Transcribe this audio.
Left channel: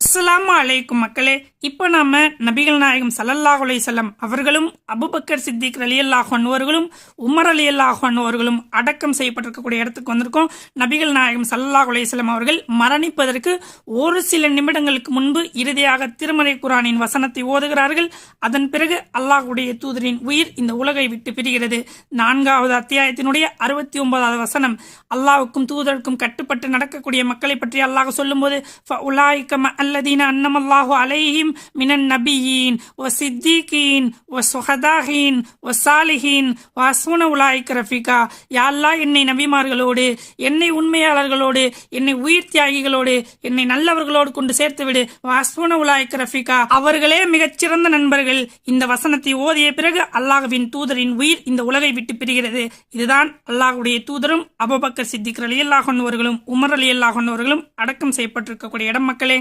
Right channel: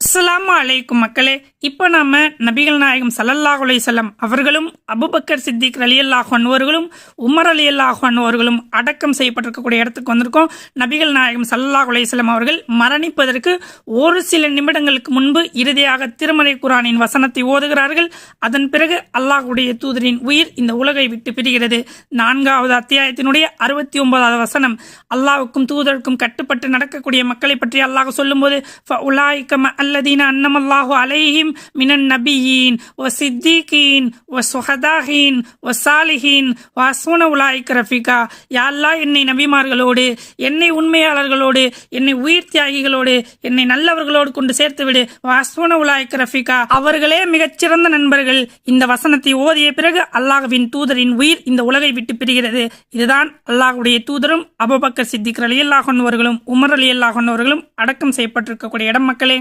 அஸ்ஸலாமு அலைக்கும் மக்களே. இப்போ நாம நபிகள் நாயகம் ஸல்லல்லாஹு அலைஹி வஸல்லம் அவர்களும் அபூபக்கர் சித்திக் ரலியல்லாஹு அன்ஹு அவர்களும் உமர் ரலியல்லாஹு அன்ஹு அவர்களும் அடக்கம் செய்யப்பட்டிருக்கக்கூடிய இடத்துக்கு வந்திருக்கோம். நபிகள் நாயகம் ஸல்லல்லாஹு அலைஹி வஸல்லம் அவர்கள் மரணிப்பதற்கு ஒரு சில நிமிடங்களுக்கு முன்பு இறுதியாக திருமறை குர்ஆனின் வசனத்தை ஓதுகிறார்கள். அதன் பிறகு அல்லாஹ்வுடைய தூதரின் உயிர் இந்த உலகை விட்டு பிரிகிறது. 4வது அத்தியாயத்தினுடைய 69வது வசனம், அல்லாஹ்வுக்கும் தூதருக்கும் கட்டுப்பட்டு நடக்கக்கூடிய மக்களை பற்றி அல்லாஹ் சொல்லும்போது, الذين أنعم الله عليهم من النبيين والصديقين والشهداء والصالحين وحسن أولئك رفيقا. யா அல்லாஹ், என்னை நபிமார்களோடு, என்னை உண்மையாளர்களோடு, என்னை உயிர் தியாகிகளோடு, என்னை நல்லவர்களோடு கொண்டு சேர்த்து விடு. வஹ்சுன உலாயிக ரஃபீகா, அவர்களே மிகச்சிறந்த நண்பர்கள். இந்த வசனத்தை ஓதிய பிறகு அல்லாஹ்வின் தூதரின் உயிர் இந்த உலகை விட்டு பிரிகிறது. இதுதான் அல்லாஹ்வுடைய தூதரும் அபூபக்கர் சித்திக் ரலியல்லாஹு அன்ஹு அவர்களும் உமர் ரலியல்லாஹு அன்ஹு அவர்களும் அடக்கம் செய்யப்பட்டிருக்கக்கூடிய இடம் மக்களே.